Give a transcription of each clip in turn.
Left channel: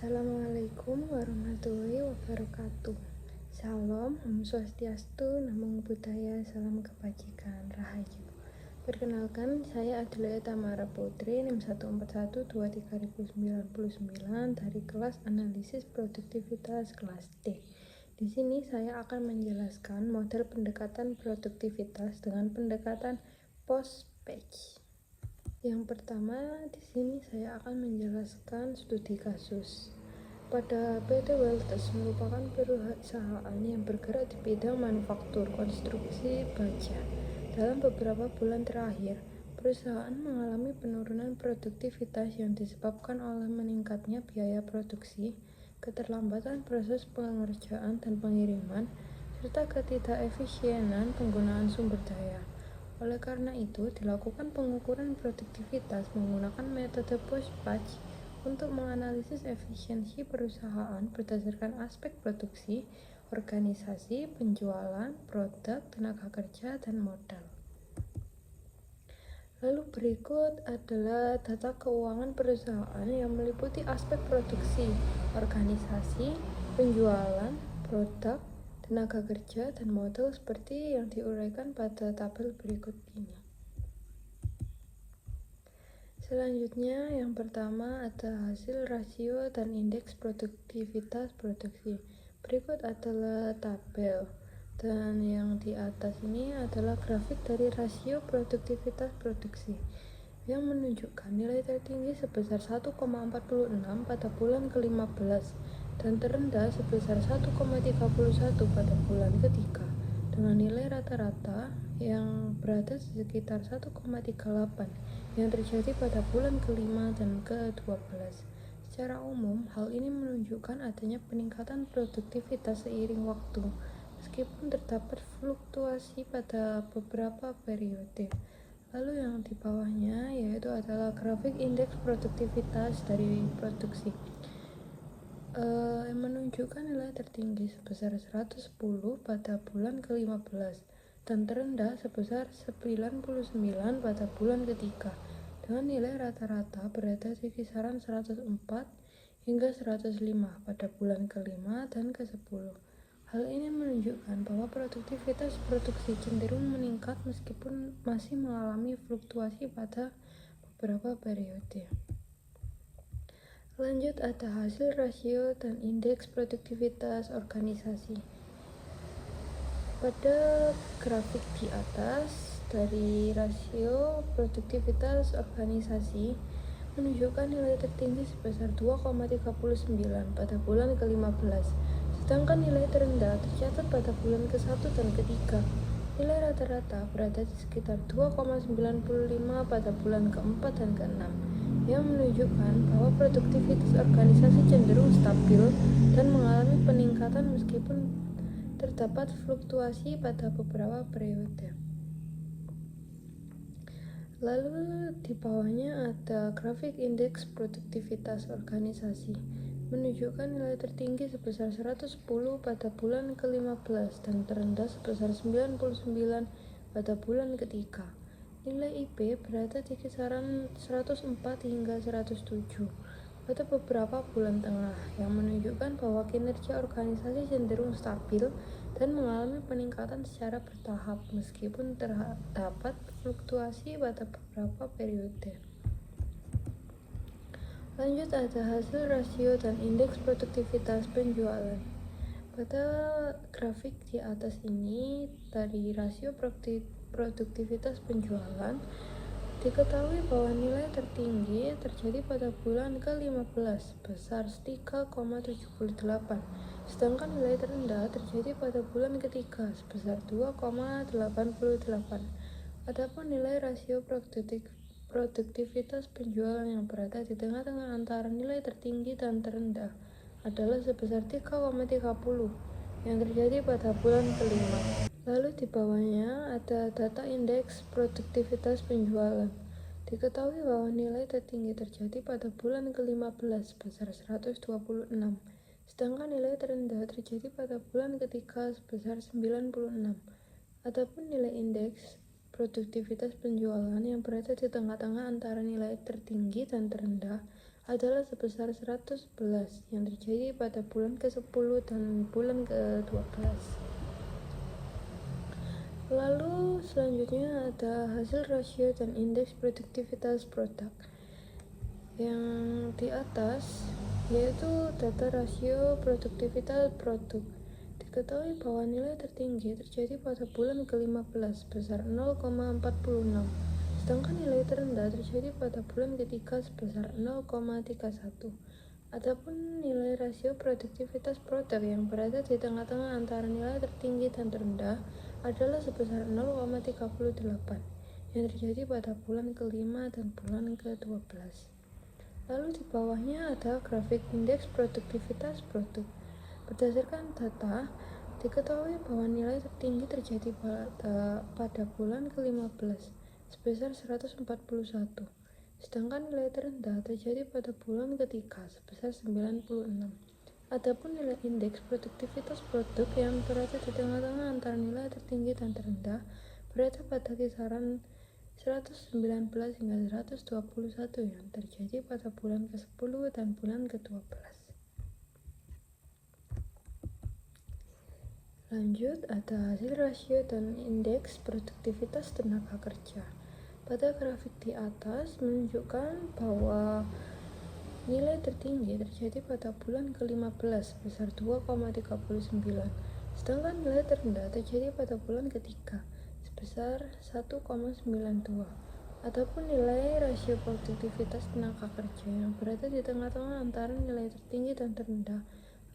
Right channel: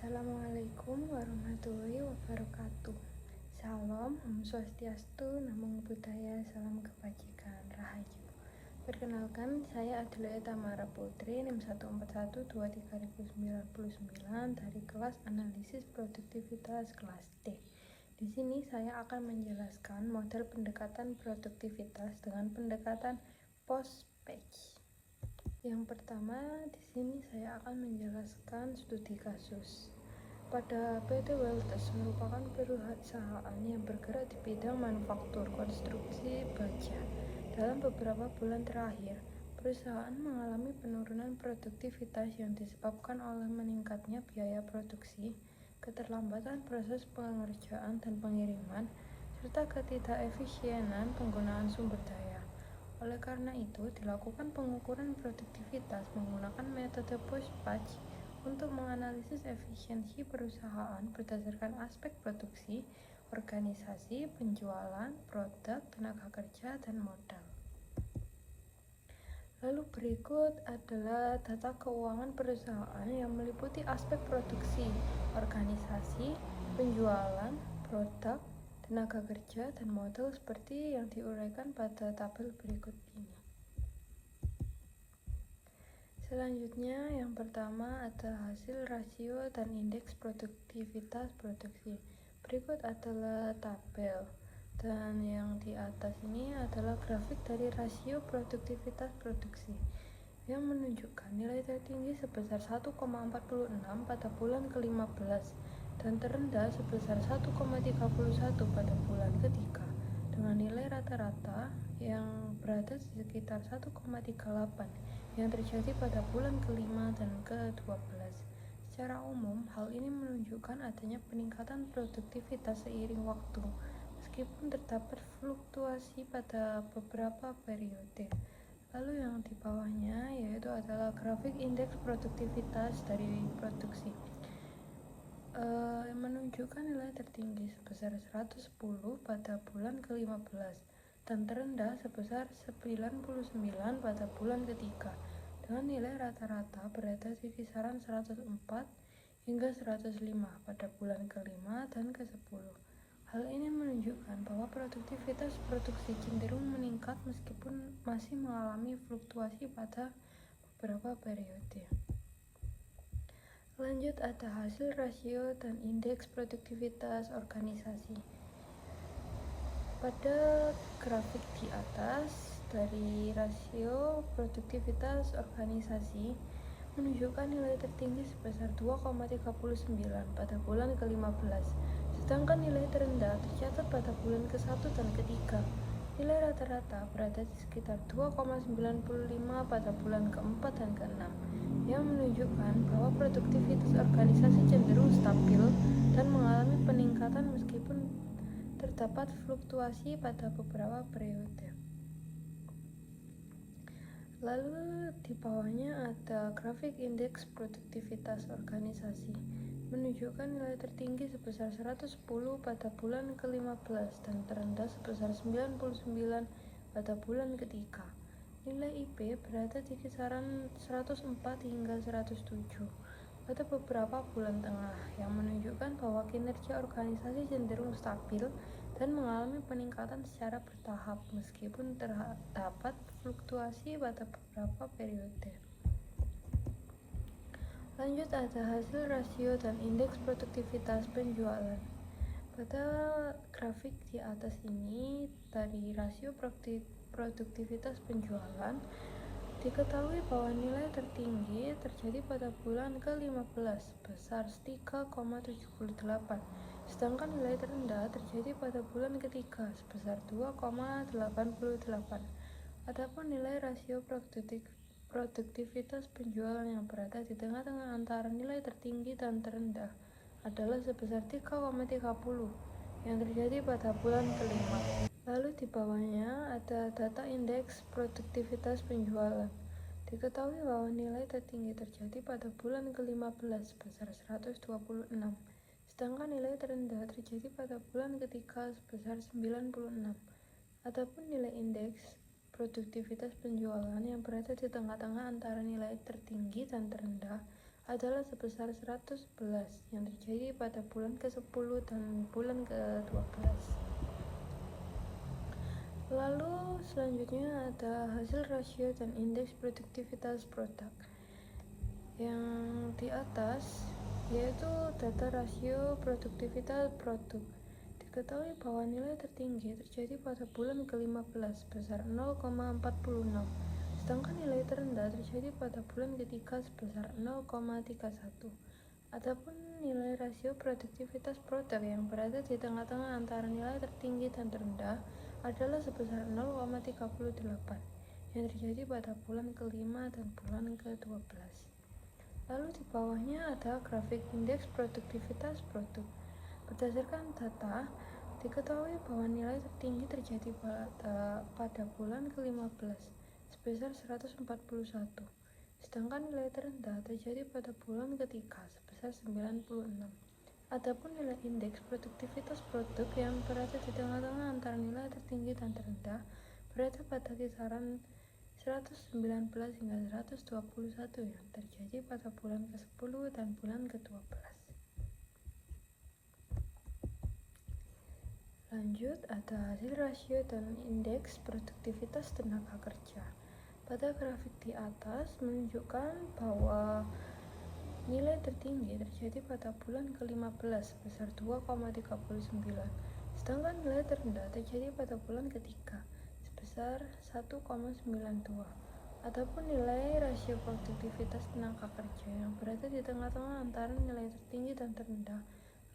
Assalamualaikum warahmatullahi wabarakatuh. Salam, Om Swastiastu, Namo Buddhaya, salam kebajikan, Rahayu. Perkenalkan, saya Adelaide Tamara Putri, NIM 1412399 dari kelas Analisis Produktivitas kelas D. Di sini saya akan menjelaskan model pendekatan produktivitas dengan pendekatan post-batch. Yang pertama, di sini saya akan menjelaskan studi kasus. Pada PT Weltes merupakan perusahaan yang bergerak di bidang manufaktur konstruksi baja. Dalam beberapa bulan terakhir, perusahaan mengalami penurunan produktivitas yang disebabkan oleh meningkatnya biaya produksi, keterlambatan proses pengerjaan dan pengiriman, serta ketidakefisienan penggunaan sumber daya. Oleh karena itu, dilakukan pengukuran produktivitas menggunakan metode post-batch untuk menganalisis efisiensi perusahaan berdasarkan aspek produksi, organisasi, penjualan, produk, tenaga kerja, dan modal. Lalu berikut adalah data keuangan perusahaan yang meliputi aspek produksi, organisasi, penjualan, produk, tenaga kerja, dan modal seperti yang diuraikan pada tabel berikut ini. Selanjutnya, yang pertama ada hasil rasio dan indeks produktivitas produksi. Berikut adalah tabel, dan yang di atas ini adalah grafik dari rasio produktivitas produksi yang menunjukkan nilai tertinggi sebesar 1,46 pada bulan ke-15 dan terendah sebesar 1,31 pada bulan ketiga, dengan nilai rata-rata yang berada di sekitar 1,38 yang terjadi pada bulan ke-5 dan ke-12. Secara umum, hal ini menunjukkan adanya peningkatan produktivitas seiring waktu, meskipun terdapat fluktuasi pada beberapa periode. Lalu yang di bawahnya yaitu adalah grafik indeks produktivitas dari produksi yang menunjukkan nilai tertinggi sebesar 110 pada bulan ke-15 dan terendah sebesar 99 pada bulan ketiga, dengan nilai rata-rata berada di kisaran 104 hingga 105 pada bulan ke-5 dan ke-10. Hal ini menunjukkan bahwa produktivitas produksi cenderung meningkat meskipun masih mengalami fluktuasi pada beberapa periode. Lanjut, ada hasil rasio dan indeks produktivitas organisasi. Pada grafik di atas, dari rasio produktivitas organisasi menunjukkan nilai tertinggi sebesar 2,39 pada bulan ke-15, sedangkan nilai terendah tercatat pada bulan ke-1 dan ke-3. Nilai rata-rata berada di sekitar 2,95 pada bulan ke-4 dan ke-6, yang menunjukkan bahwa produktivitas organisasi cenderung stabil dan mengalami peningkatan meskipun terdapat fluktuasi pada beberapa periode. Lalu di bawahnya ada grafik indeks produktivitas organisasi, menunjukkan nilai tertinggi sebesar 110 pada bulan ke-15 dan terendah sebesar 99 pada bulan ketiga. Nilai IP berada di kisaran 104 hingga 107 pada beberapa bulan tengah, yang menunjukkan bahwa kinerja organisasi cenderung stabil dan mengalami peningkatan secara bertahap meskipun terdapat fluktuasi pada beberapa periode. Lanjut, ada hasil rasio dan indeks produktivitas penjualan. Pada grafik di atas ini, dari rasio produktivitas penjualan, diketahui bahwa nilai tertinggi terjadi pada bulan ke-15 sebesar 3,78, sedangkan nilai terendah terjadi pada bulan ketiga sebesar 2,88. Adapun nilai rasio produktivitas penjualan yang berada di tengah-tengah antara nilai tertinggi dan terendah adalah sebesar 3,30 yang terjadi pada bulan kelima. Lalu di bawahnya ada data indeks produktivitas penjualan. Diketahui bahwa nilai tertinggi terjadi pada bulan ke-15 sebesar 126, sedangkan nilai terendah terjadi pada bulan ketiga sebesar 96. Adapun nilai indeks produktivitas penjualan yang berada di tengah-tengah antara nilai tertinggi dan terendah adalah sebesar 111 yang terjadi pada bulan ke-10 dan bulan ke-12. Lalu selanjutnya ada hasil rasio dan indeks produktivitas produk. Yang di atas yaitu data rasio produktivitas produk. Diketahui bahwa nilai tertinggi terjadi pada bulan ke-15 sebesar 0,46, sedangkan nilai terendah terjadi pada bulan ketiga sebesar 0,31. Adapun nilai rasio produktivitas produk yang berada di tengah-tengah antara nilai tertinggi dan terendah adalah sebesar 0,38 yang terjadi pada bulan ke-5 dan bulan ke-12. Lalu di bawahnya ada grafik indeks produktivitas produk. Berdasarkan data, diketahui bahwa nilai tertinggi terjadi pada bulan ke-15 sebesar 141, sedangkan nilai terendah terjadi pada bulan ketiga sebesar 96. Adapun nilai indeks produktivitas produk yang berada di tengah-tengah antara nilai tertinggi dan terendah berada pada kisaran 119 hingga 121 yang terjadi pada bulan ke-10 dan bulan ke-12. Lanjut, ada hasil rasio dan indeks produktivitas tenaga kerja. Pada grafik di atas menunjukkan bahwa nilai tertinggi terjadi pada bulan ke-15 sebesar 2,39, sedangkan nilai terendah terjadi pada bulan ketiga sebesar 1,92. Adapun nilai rasio produktivitas tenaga kerja yang berada di tengah-tengah antara nilai tertinggi dan terendah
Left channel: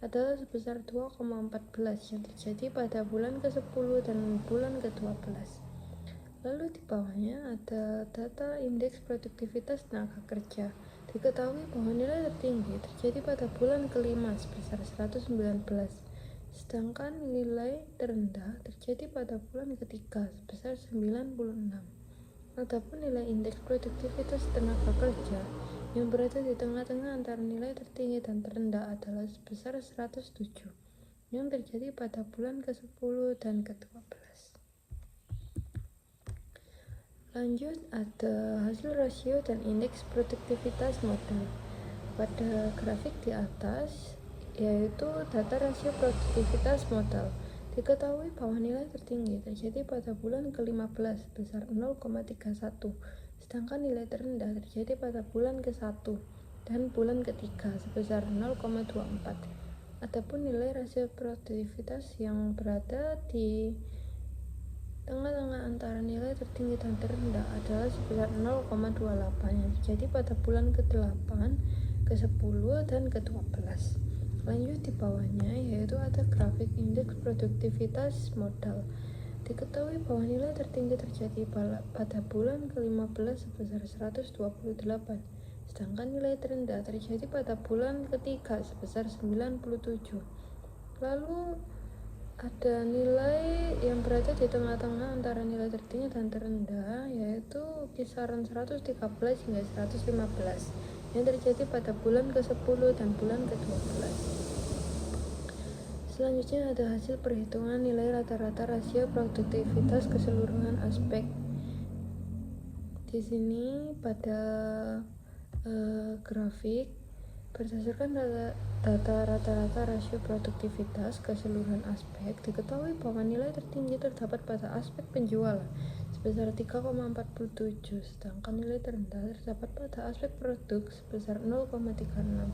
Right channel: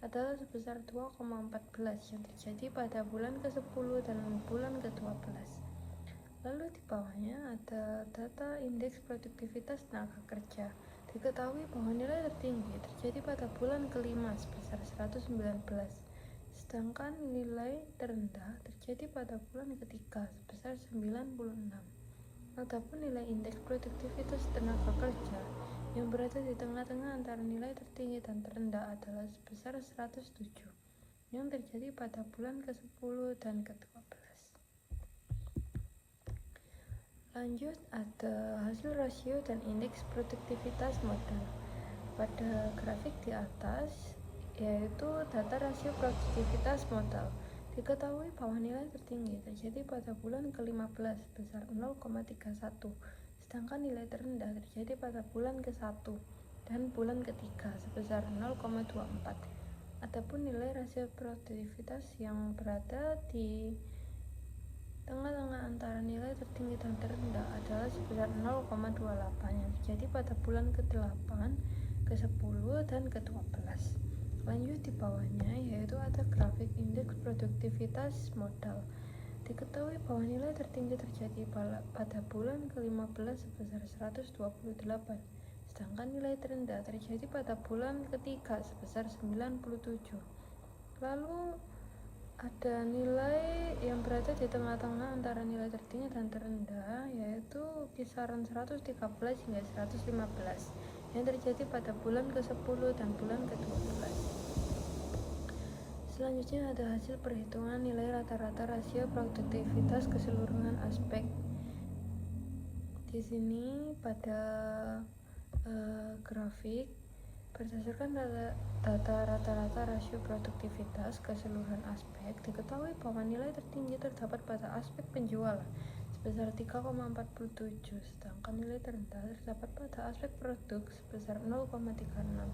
adalah sebesar 2,14 yang terjadi pada bulan ke-10 dan bulan ke-12. Lalu di bawahnya ada data indeks produktivitas tenaga kerja. Diketahui bahwa nilai tertinggi terjadi pada bulan ke-5 sebesar 119, sedangkan nilai terendah terjadi pada bulan ketiga sebesar 96. Adapun nilai indeks produktivitas tenaga kerja yang berada di tengah-tengah antara nilai tertinggi dan terendah adalah sebesar 107 yang terjadi pada bulan ke-10 dan ke-12. Lanjut, ada hasil rasio dan indeks produktivitas modal. Pada grafik di atas yaitu data rasio produktivitas modal. Diketahui bahwa nilai tertinggi terjadi pada bulan ke-15 sebesar 0,31, sedangkan nilai terendah terjadi pada bulan ke-1 dan bulan ketiga sebesar 0,24. Adapun nilai rasio produktivitas yang berada di tengah-tengah antara nilai tertinggi dan terendah adalah sebesar 0,28 yang terjadi pada bulan ke-8, ke-10, dan ke-12. Lanjut di bawahnya yaitu ada grafik indeks produktivitas modal. Diketahui bahwa nilai tertinggi terjadi pada bulan ke-15 sebesar 128, sedangkan nilai terendah terjadi pada bulan ketiga sebesar 97. Lalu ada nilai yang berada di tengah-tengah antara nilai tertinggi dan terendah yaitu kisaran 113 hingga 115 yang terjadi pada bulan ke-10 dan bulan ke-12. Selanjutnya ada hasil perhitungan nilai rata-rata rasio produktivitas keseluruhan aspek. Di sini pada grafik berdasarkan data rata-rata rasio produktivitas keseluruhan aspek, diketahui bahwa nilai tertinggi terdapat pada aspek penjualan sebesar 3,47, sedangkan nilai terendah terdapat pada aspek produk sebesar 0,36.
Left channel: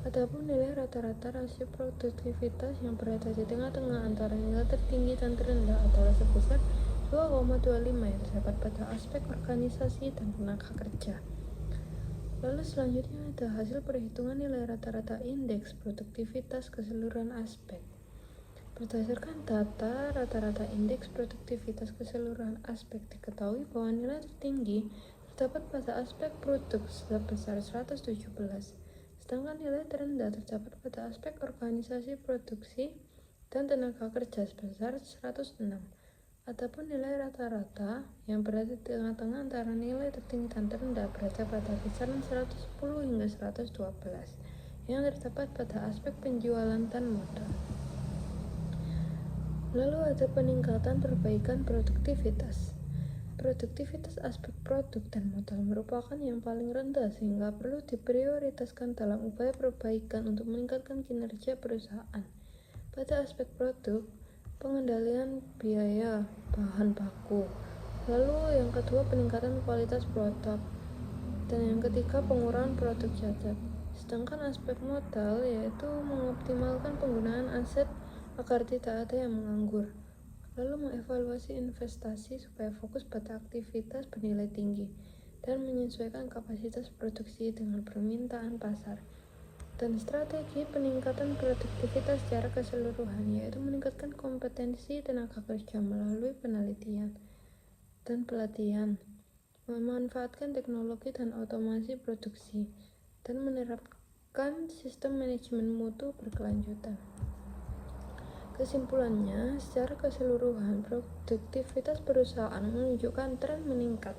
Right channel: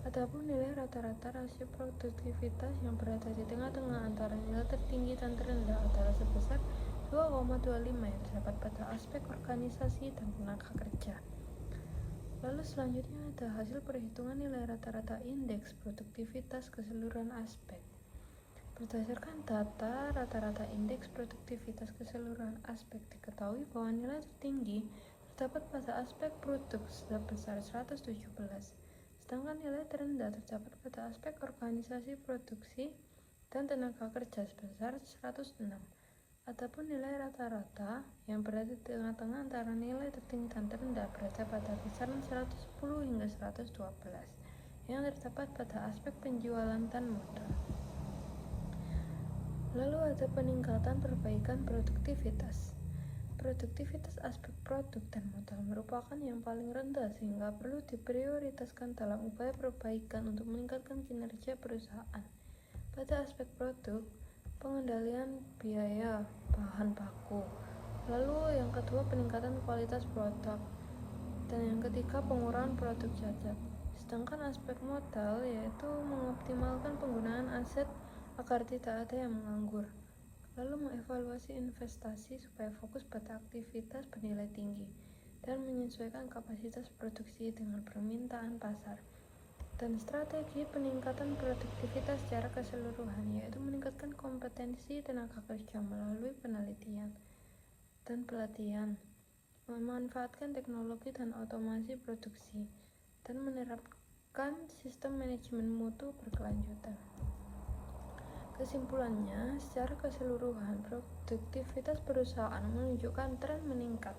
Adapun nilai rata-rata rasio produktivitas yang berada di tengah-tengah antara nilai tertinggi dan terendah adalah sebesar 2,25 yang terdapat pada aspek organisasi dan tenaga kerja. Lalu selanjutnya ada hasil perhitungan nilai rata-rata indeks produktivitas keseluruhan aspek. Berdasarkan data rata-rata indeks produktivitas keseluruhan aspek, diketahui bahwa nilai tertinggi terdapat pada aspek produk sebesar 117, sedangkan nilai terendah terdapat pada aspek organisasi produksi dan tenaga kerja sebesar 106. Adapun nilai rata-rata yang berada di tengah-tengah antara nilai tertinggi dan terendah berada pada kisaran 110 hingga 112 yang terdapat pada aspek penjualan dan modal. Lalu ada peningkatan perbaikan produktivitas. Produktivitas aspek produk dan modal merupakan yang paling rendah sehingga perlu diprioritaskan dalam upaya perbaikan untuk meningkatkan kinerja perusahaan. Pada aspek produk, pengendalian biaya bahan baku. Lalu yang kedua, peningkatan kualitas produk. Dan yang ketiga, pengurangan produk cacat. Sedangkan aspek modal yaitu mengoptimalkan penggunaan aset agar tidak ada yang menganggur. Lalu mengevaluasi investasi supaya fokus pada aktivitas bernilai tinggi dan menyesuaikan kapasitas produksi dengan permintaan pasar. Dan strategi peningkatan produktivitas secara keseluruhan yaitu meningkatkan kompetensi tenaga kerja melalui penelitian dan pelatihan, memanfaatkan teknologi dan otomasi produksi, dan menerapkan sistem manajemen mutu berkelanjutan. Kesimpulannya, secara keseluruhan, produktivitas perusahaan menunjukkan tren meningkat,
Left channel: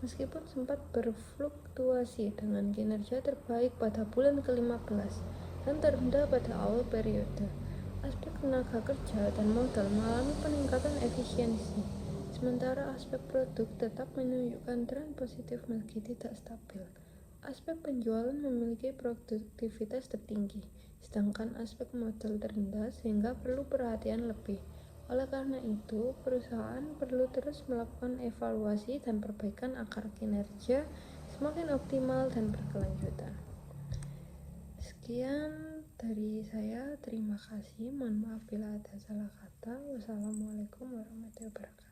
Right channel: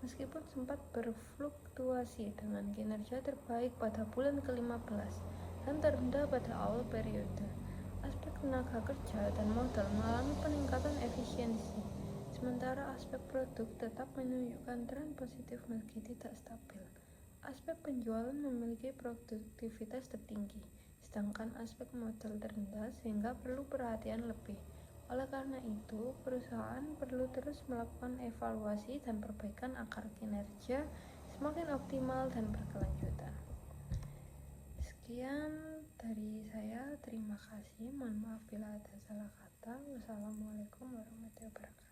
meskipun sempat berfluktuasi dengan kinerja terbaik pada bulan ke-15 dan terendah pada awal periode. Aspek tenaga kerja dan modal mengalami peningkatan efisiensi, sementara aspek produk tetap menunjukkan tren positif meski tidak stabil. Aspek penjualan memiliki produktivitas tertinggi, sedangkan aspek modal terendah sehingga perlu perhatian lebih. Oleh karena itu, perusahaan perlu terus melakukan evaluasi dan perbaikan agar kinerja semakin optimal dan berkelanjutan. Sekian dari saya, terima kasih. Mohon maaf bila ada salah kata. Wassalamualaikum warahmatullahi wabarakatuh.